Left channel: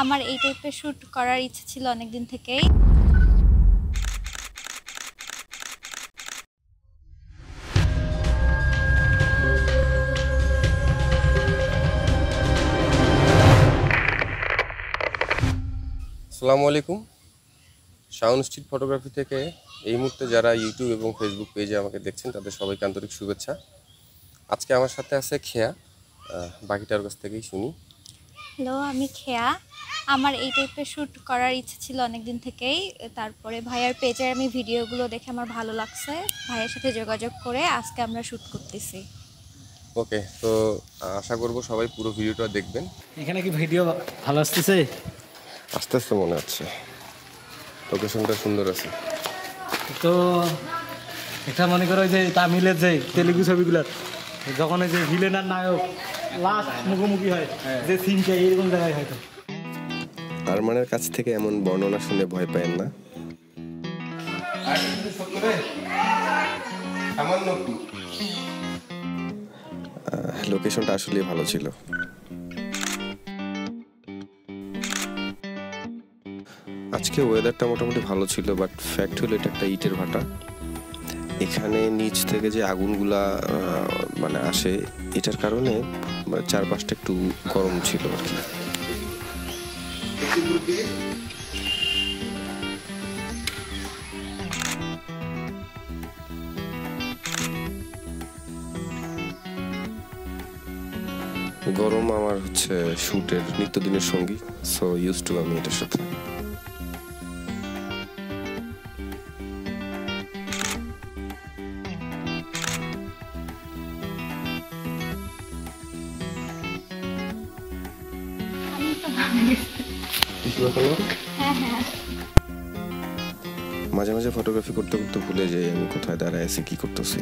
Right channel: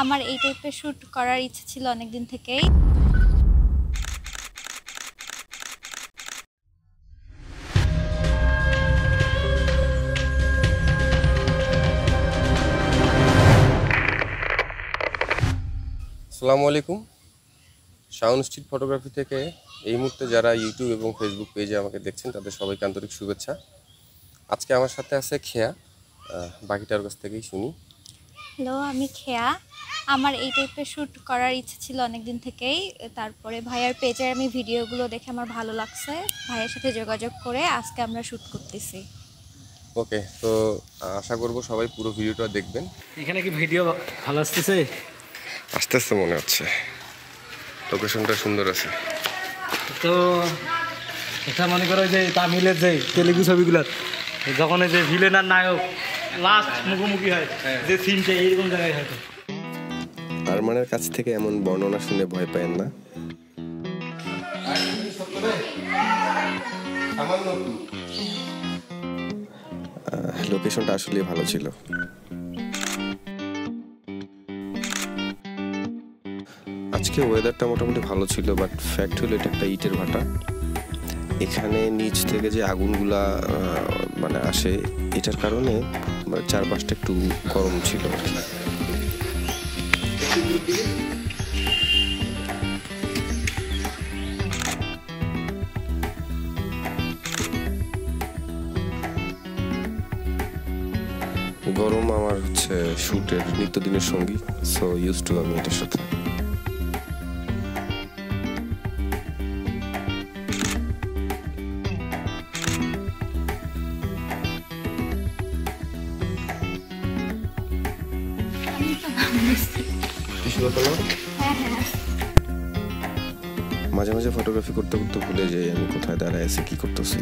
আমার এই টাইপের শ্যুট করার ইচ্ছে ছিল অনেক দিন থেকেই। আসসালামু আলাইকুম। শাওন স্ট্রিট ফটোগ্রাফি থেকে এই মুহূর্তে যারা ইউটিউব এবং ফেসবুক পেজে আমাকে দেখছেন তাদের সবাইকে আন্তরিক শুভেচ্ছা। আজকে আমার সাথে আছে খেয়া, বাকিটার কাছ থেকেই শুনি। হ্যালো, আমি খেয়া। আমার এই টাইপের শ্যুট করার ইচ্ছে ছিল অনেক দিন থেকেই। তারপরে ভাইয়ার পেজের আমি ভিডিওগুলো দেখে আমার ভালো লাগছে, ভাইয়ের সাথে যোগাযোগ করে আজকে আমরা শ্যুট করতেছি। ওকে, তো আশা করব সবাই পুরো ভিডিওটা দেখবেন। এখানে কি ভিডিও ভালো আসতেছে? আস্তে আস্তে মনে হচ্ছে লোকেশনটা সুন্দর আছে। তো এটা মনে করো যে তামিলের যে তেলেগু ছবিগুলো যখন এই যে ভিলেন আর নায়ক লাস্ট মুখোমুখি হয়, যে সিনটা এইরকম জায়গায় হয়। আরমানের কাছ থেকে এমন বর্ণনা শুনে ভয় পায়েন না। লোকেশনটা আসলে ভালো ছিল। আজকে ওয়েদারটা মোটামুটি ভালো ছিল, বাট ফ্যাক্ট হলো এটা একটা ইটের ভাটা। এখানে নিচ থেকে যে আগুনগুলা মানে আসে, এটার কারণে চারপাশটা একটু গরম ছিল আর কি। গরম আমার হচ্ছে শুটের নিত্যদিনের সঙ্গী, সো ইউজ টু আমি এটার সাথে। মাঝে মাঝে ফটোগ্রাফি করতে করতে ভুলে যাই আমি কোথায় দাঁড়ায় আছি, কি করতেছি।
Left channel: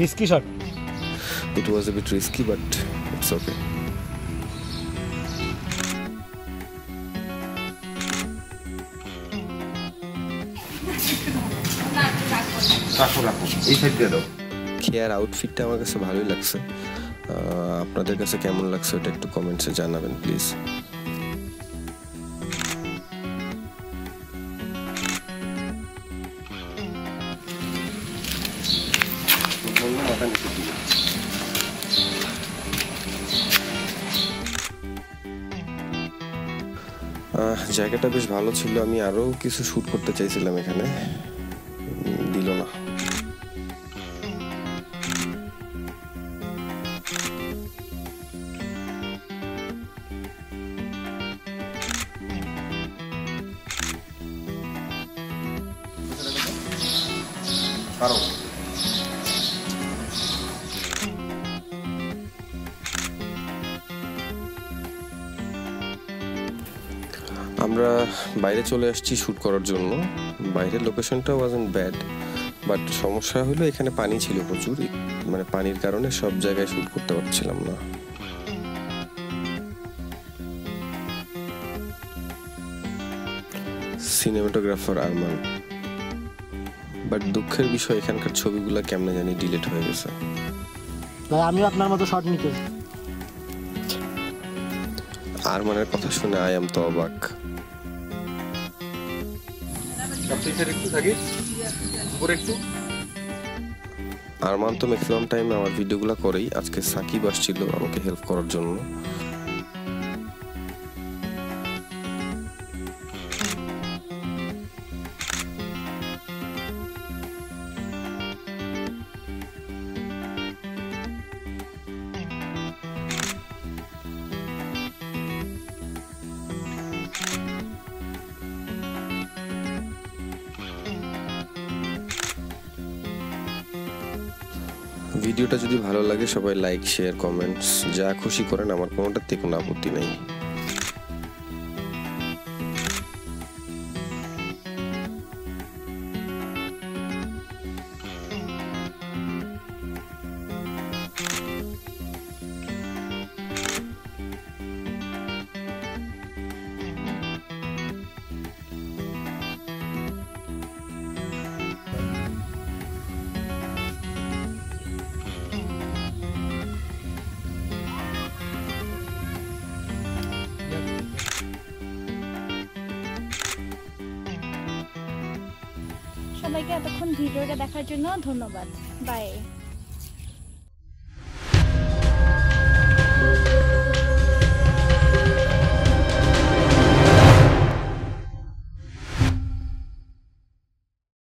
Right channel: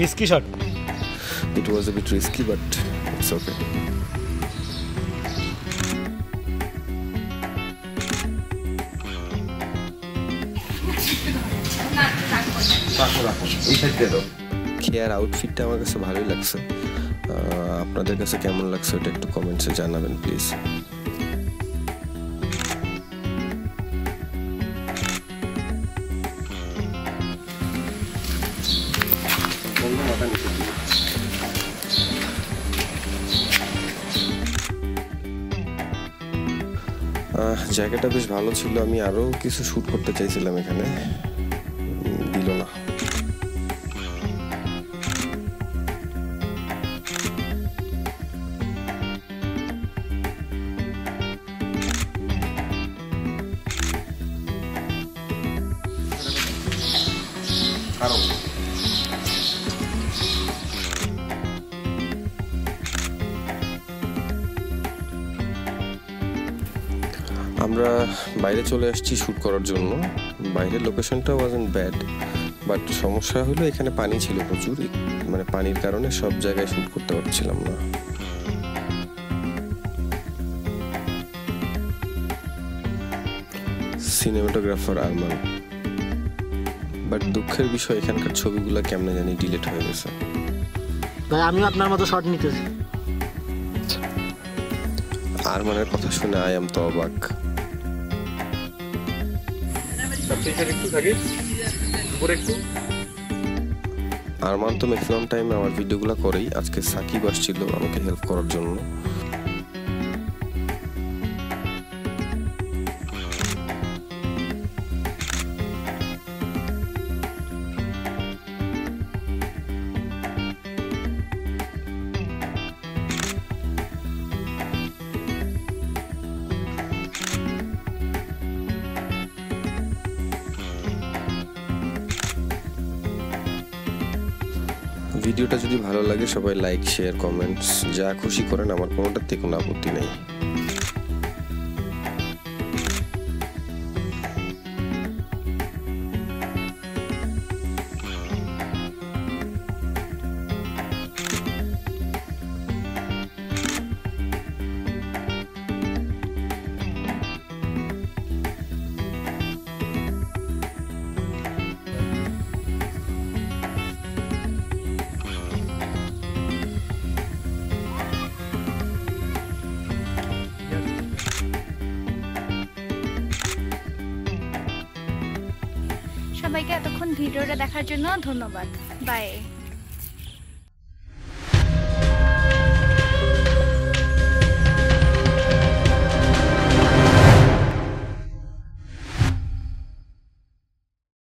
Risky shot. It was a bit risky, but it's okay. খেয়ার আউটফিটটা আমার কাছে ভালোই লাগছে। আপনাদের কাছে কেমন লাগছে ওটা একটু কমেন্টসে জানাবেন প্লিজ। জায়গাটা বেশ ভালো ছিল, আমি আরো কিছু শুট করতে চাইছিলাম এখানে, দিল না। আমরা বাইরে চলে আসছি শ্যুট করার জন্য। বাইরের লোকেশনটা ওয়াজন্ট ব্যাড, বাট সমস্যা হলো এখানে পানি ছিল প্রচুর, মানে পানির কারণে সব জায়গায় শ্যুট করতে পারছিলাম না। সিনেমাটোগ্রাফার আরমান, বাট দুঃখের বিষয় এখানকার ছবিগুলো কেমনে জানি ডিলিট হয়ে গেছে। ভাই আমিও আপনার মতো শট নিতে। আরমানের কথা শুনে আই এম তো অবাক। আরমান তো ম্যাক্সিমাম টাইম আমার ভিডিওগুলো করেই। আজকে সাকিব আসছিল আমাকে হেল্প করার জন্য। ভিডিওটা যদি ভালো লাগে সবাই লাইক, শেয়ার, কমেন্টস যা খুশি করেন, আমার কোনোটাতে কোনো আপত্তি নেই। সবাইকে এতক্ষণ ভিডিওটা দেখার জন্য ধন্যবাদ। বাই।